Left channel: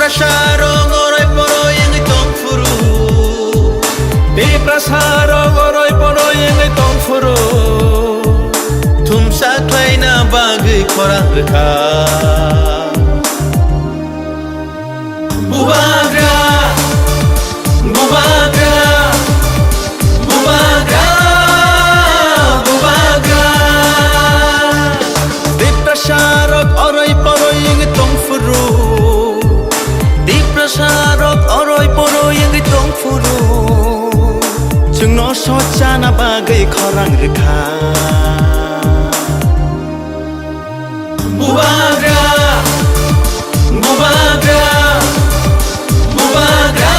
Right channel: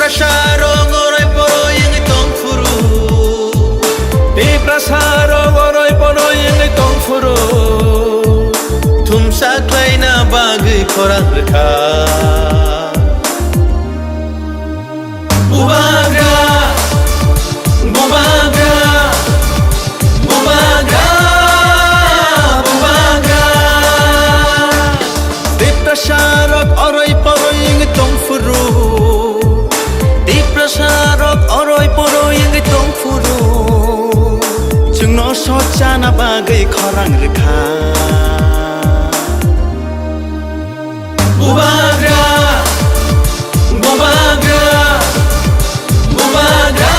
Prasarong oroy poroy ang itong furu. Di prasarong oroy poroy ang itong furu. Tumsaklay na bagay korang reka. Bubagra, bubagra, bubagra, bubagra. Di prasarong oroy poroy ang itong furu. Di prasarong oroy poroy ang itong furu. Jungno socha na bagay korang reka. Bubagra, bubagra, bubagra,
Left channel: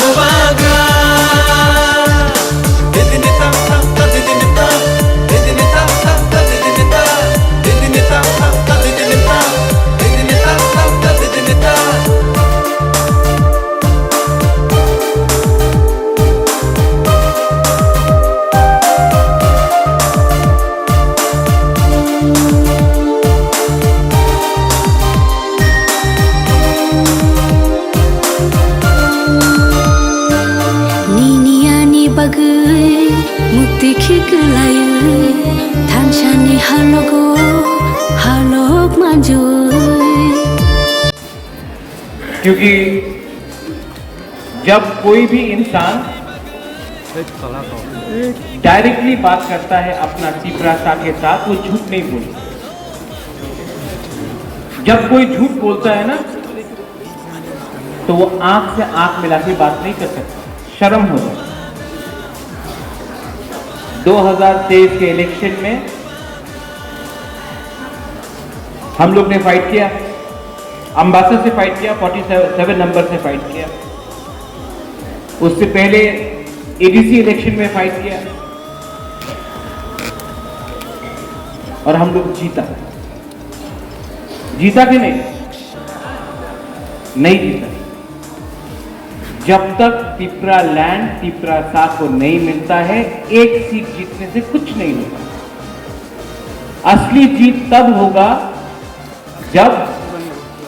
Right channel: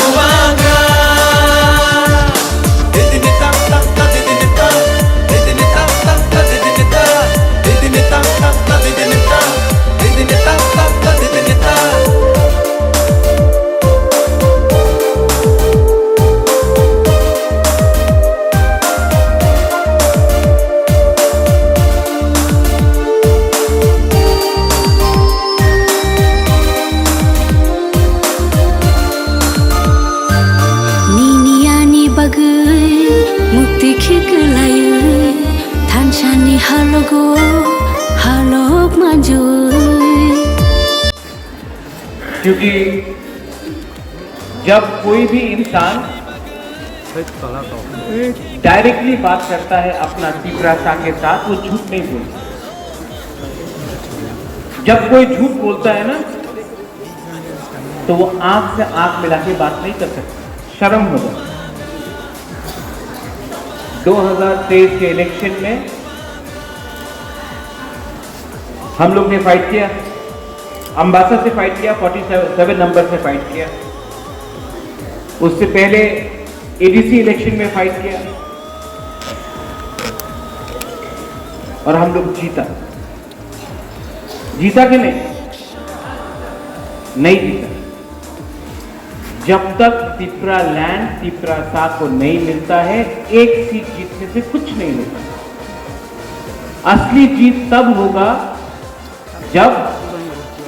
bubagra. Didinita, ta, ta, didinita, didinita, ta, ta, didinita, didinita, ta, ta, didinita, didinita, ta, ta, didinita. Bagai mukti khiklayai thanchani halogo halok manjoi. क्योंकि जब कोई भी इंसान directly बात करता है अपना तीव्रता के साथ, वो झूठ नहीं बोलता। जब कोई झूठ बोलता है ना, तो वो आंख से आंख मिला के बात नहीं कर सकता, शर्म होगा। 2023 के इलेक्शन में हम लोग ने फाइट किया, अंबासा से फाइट किया, 47 नंबर से फाइट किया। उससे पहले एडीसी इलेक्शन में फाइट किया और हम लोग जीता। जीता कि नहीं? नहीं जीता। जब तक तिपरा लैंड तिपरा सा को नहीं मिलता है, एक सीट जीतने से कुछ नहीं होगा। असली जीत तब होगा जब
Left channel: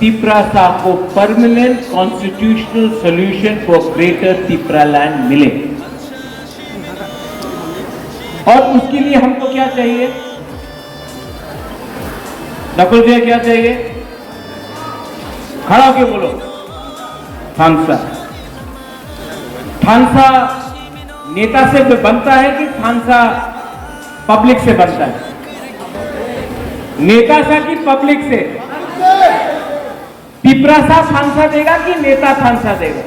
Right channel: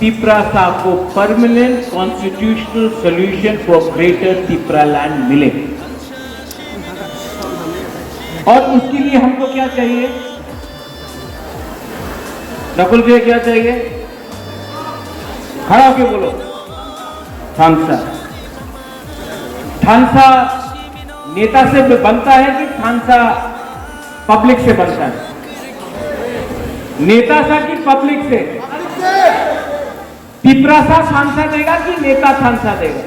तिपरा सा को permanent constitutional solution for greater Tipra land मिले। और उसके लिए हमको क्या चाहिए? नकुल भैया क्या चाहिए? खड़ा होके बोलो। थानसा। थानसा नेता से बनता है कि थानसा पब्लिक से बनता है? नेता सा कि पब्लिक से? तिपरा सा थानसा देगा कि नेता थानसा देगा?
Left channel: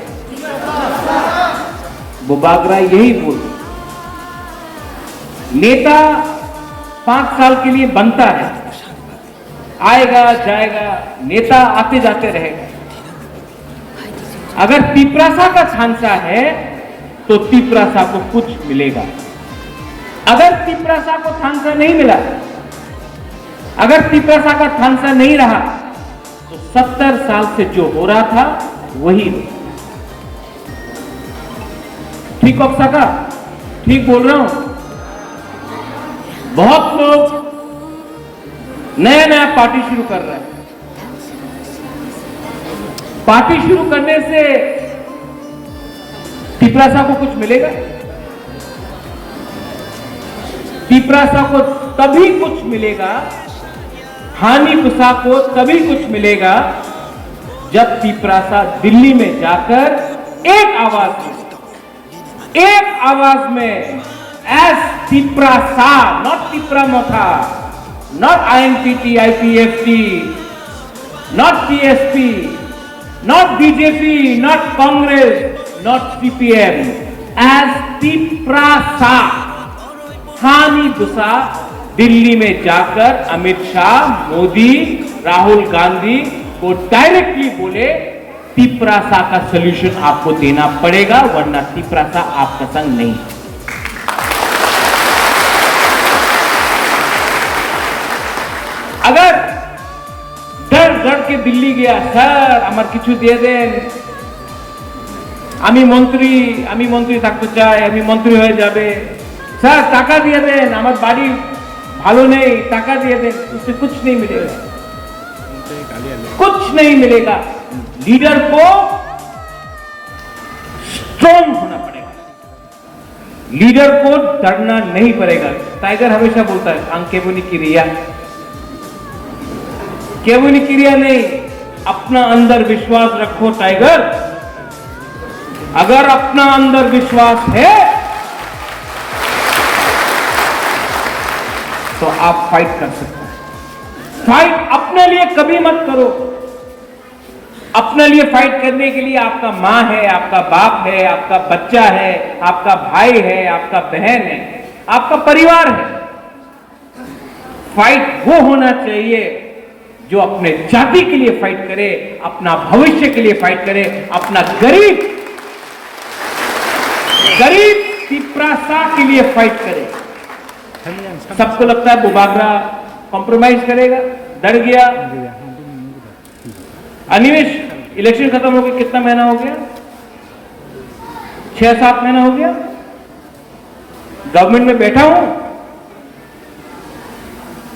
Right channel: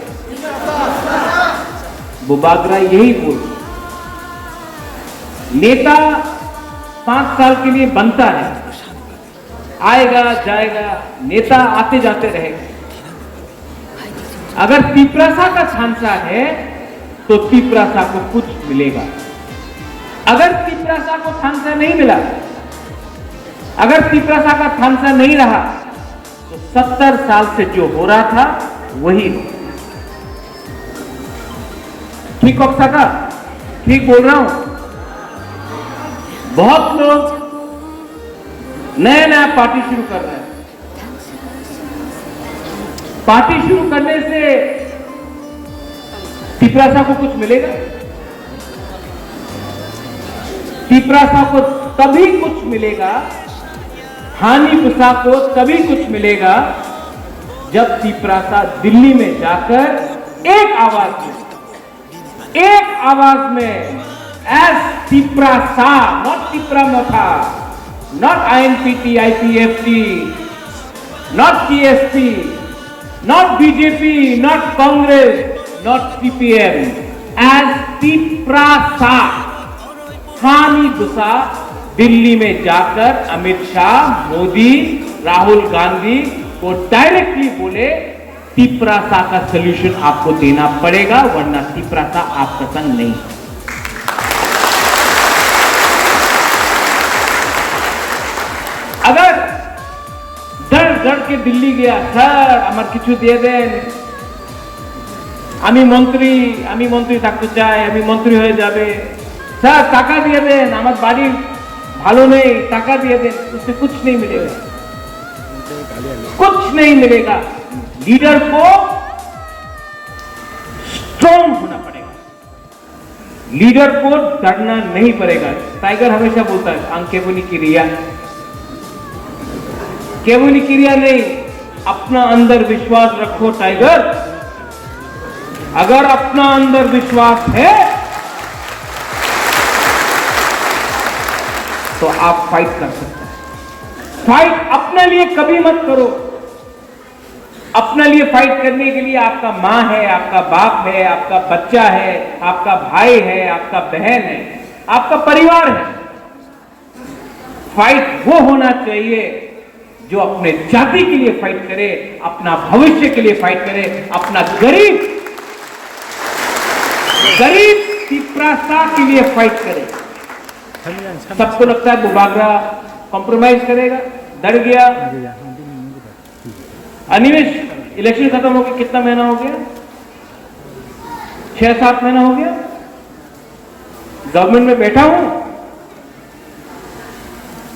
बुबागरा यही बोल। नेता 5 साल के लिए बनता है, आएगा जाएगा, नेता आते जाते रहेगा। अगर तिपरासा का थानसा है तो तिपरासा को कुछ मिलेगा। अगर तिपरासा को थानसा नहीं मिला, अगर तिपरासा का थानसा नहीं रहा, तो 70 साल से जो हो रहा था वही। ठीक बक्सा का? ठीक बोल रहा हूं? बहुत लोग नया नया पार्टी शुरू कर रहे हैं। पार्टी शुरू करने से तिपरासा को कुछ मिलेगा? तिपरासा को तभी कुछ मिलेगा, हानि पुसा को तभी कुछ मिलेगा जब तिपरासा दिल्ली में जाकर एक आवाज में as Tiprasa, not Tipramotha, not INPT, IPFT, not TSP, not BJP, not Congress, not CPM, as Tiprasa हानि दुसा दिल्ली में जाकर अमित शाह, मोदी, राहुल गांधी को डायरेक्टली बोले तिपरासा का सॉल्यूशन आपको देना पड़ेगा, वरना तिपरासा आपका संग नहीं। अगर डर डर के दिल्ली गया, सर আমার কিছু দিয়ে দেন, আমি মন্ত্রী থাকতে চাই, আমি মন্ত্রী হয়ে যাবে, স্যার টাকা দিয়ে দেন, আমার বাড়ি ভালো নেই, টাকা দিয়ে दें, उससे कुछ नहीं मिलेगा, कुछ नहीं मिलेगा। लीडर को स्ट्रॉन्ग होना पड़ेगा, लीडर को डरना नहीं पड़ेगा। टाइगर हमेशा बोलता है आंकेबुनी की रिया, केवुनी की रिया नहीं, अपना अंदर विश्वास रखो टाइगर। अगर अपना अंदर विश्वास है तो आप फाइट कर सकते हैं। फाइट अपने लिए कभी मत करो। अपने लिए फाइट करने के लिए आपका मां है, आपका बाप है, आपका बच्चा है, आपका भाई है, आपका बहन है, आपका परिवार है। फाइट वो होना चाहिए जो अपने जाति के लिए फाइट करे, अपना भविष्य के लिए फाइट करे, अपना गरीब पिपरासा के लिए फाइट करे। सबको लगता है बुबागरा कॉम्प्रोमाइज करेगा, डर गया। अनिवेश, इलेक्शन खत्म हो गया, कितना महीना हो गया? 6-7 महीना हो गया गवर्नमेंट में बैठा हूं,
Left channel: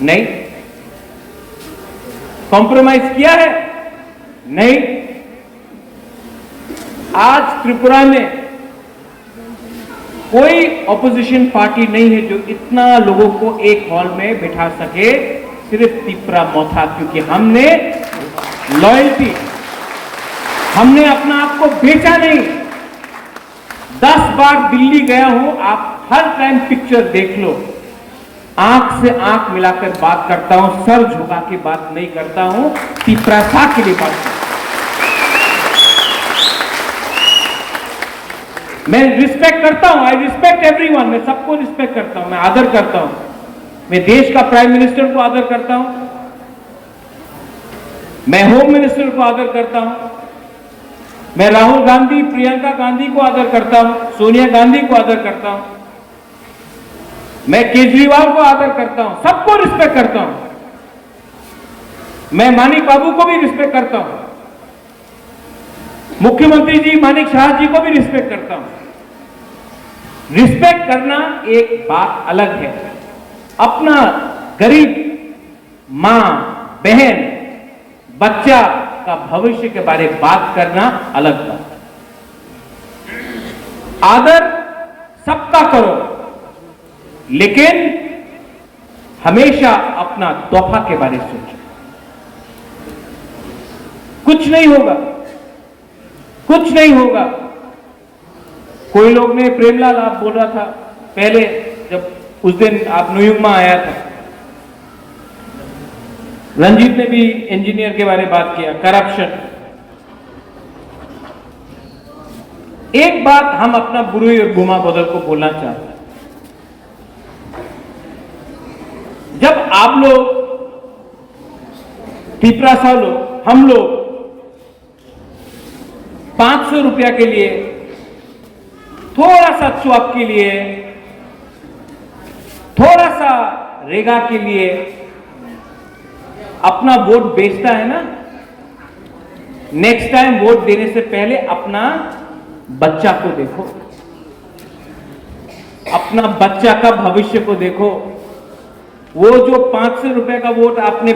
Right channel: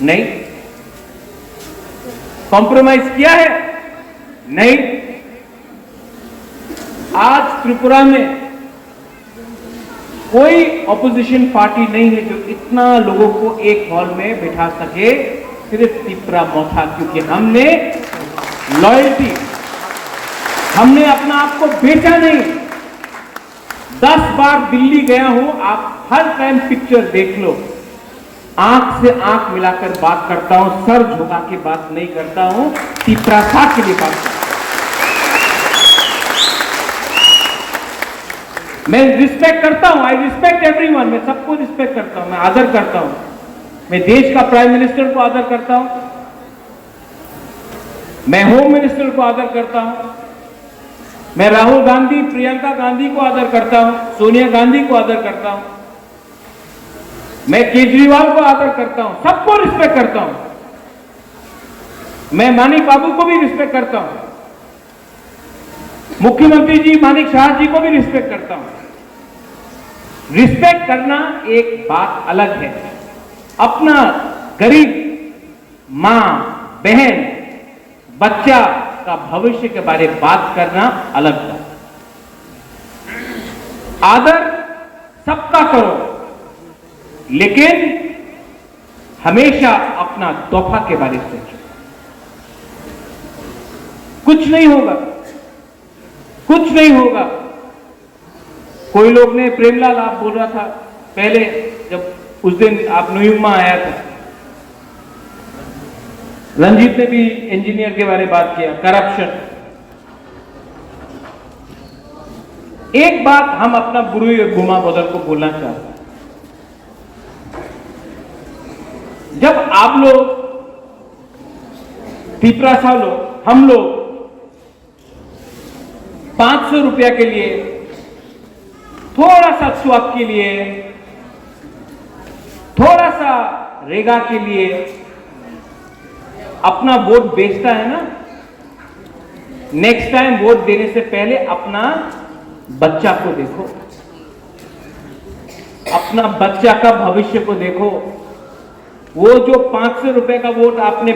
नहीं कॉम्प्रोमाइज किया है, नहीं। आज त्रिपुरा में कोई ऑपोजिशन पार्टी नहीं है जो इतना लोगों को एक हॉल में बिठा सके, सिर्फ तिपरा मोथा। क्योंकि हमने लॉयल्टी, हमने अपना आप को बेचा नहीं। 10 बार दिल्ली गया हूं, आप हर टाइम पिक्चर देख लो, आंख से आंख मिलाकर बात करता हूं, सर झुका के बात नहीं करता हूं, पिपरासा के लिए बात करता हूं। मैं रिस्पेक्ट करता हूं, आई रिस्पेक्ट एवरीवन, मैं सबको रिस्पेक्ट करता हूं, मैं आदर करता हूं। मैं देश का प्राइम मिनिस्टर को आदर करता हूं, मैं होम मिनिस्टर को आदर करता हूं, मैं राहुल गांधी, प्रियंका गांधी को आदर करता हूं, सोनिया गांधी को आदर करता हूं, मैं केजरीवाल को आदर करता हूं, सबको रिस्पेक्ट करता हूं। मैं मानिक बाबू को भी रिस्पेक्ट करता हूं, मुख्यमंत्री जी मानिक शाह जी को भी रिस्पेक्ट करता हूं। रिस्पेक्ट करना एक बात अलग है, अपना गरीब मां, बहन, बच्चा का भविष्य के बारे में बात करना अलग है। आदर सबका करो, लेकिन हमेशा अपना तोहफा के बारे में सोचो। कुछ नहीं होगा, कुछ नहीं होगा। कोई लोग ने, प्रेमलाल आप बोल रहा था पहले, जब उस दिन आप न्यूयॉर्क में आया था, रंजीत ने भी इंजीनियर के बारे में बात किया, करप्शन। एक बात हम अपना बुरुई और गुमा बदल को बोलना चाहते हैं। जब आप लोग, पिपरासा लोग, हम लोग 500 रुपया के लिए, थोड़ा सा स्वाप के लिए, थोड़ा सा रेगा के लिए अपना वोट बेचता है ना, नेक्स्ट टाइम वोट देने से पहले अपना बच्चा को देखो, अपना बच्चा का भविष्य को देखो। वो जो 500 रुपए का वोट आपने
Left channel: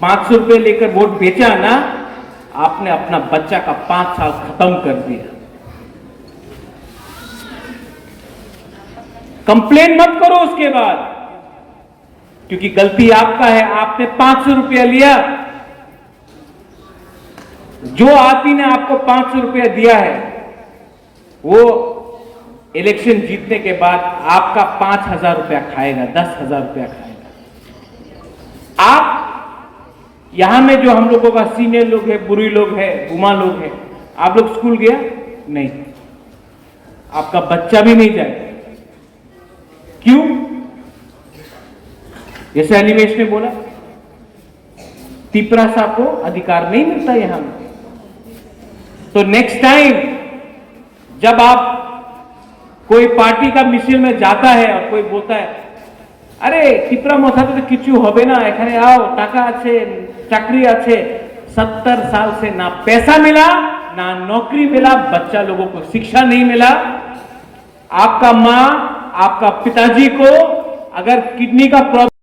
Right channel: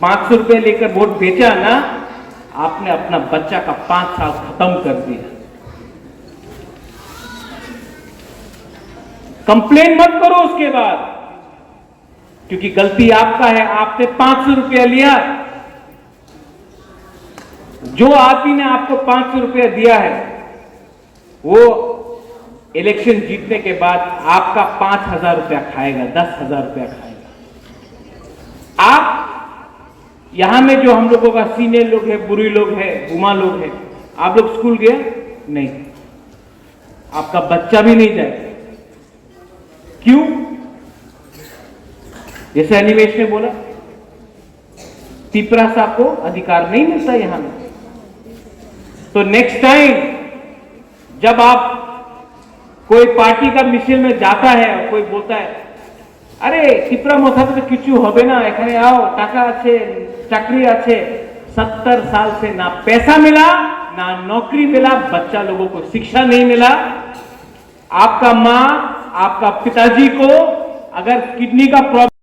500 रुपए लेकर वोट बेचा ना, आपने अपना बच्चा का 5 साल खत्म कर दिया। कंप्लेन मत करो उसके बाद, क्योंकि गलती आपका है। आपने 500 रुपया लिया, जो आदमी ने आपको 500 रुपया दिया है, वो इलेक्शन जीतने के बाद आपका 5,000 रुपया खाएगा, 10,000 रुपया खाएगा। आप यहां में जो हम लोगों का सीनियर लोग है, बुरी लोग है, गुमा लोग है, आप लोग स्कूल गया नहीं, आपका बच्चा भी नहीं जाए। क्यों? जैसे अनिमेश ने बोला, तिपरासा को अधिकार नहीं मिलता यहां में। तो नेक्स्ट टाइम जब आप कोई पार्टी का मिशन में जाता है और कोई बोलता है, अरे तिपरा मोथा तो किचू होबे ना, एखाने आओ, टाका आछे, चाकरी आछे। 70 साल से ना पैसा मिला, ना नौकरी मिला, बच्चा लोगों को शिक्षा नहीं मिला। आपका मां, आपका पिताजी को अगर किडनी का प्रॉब्लम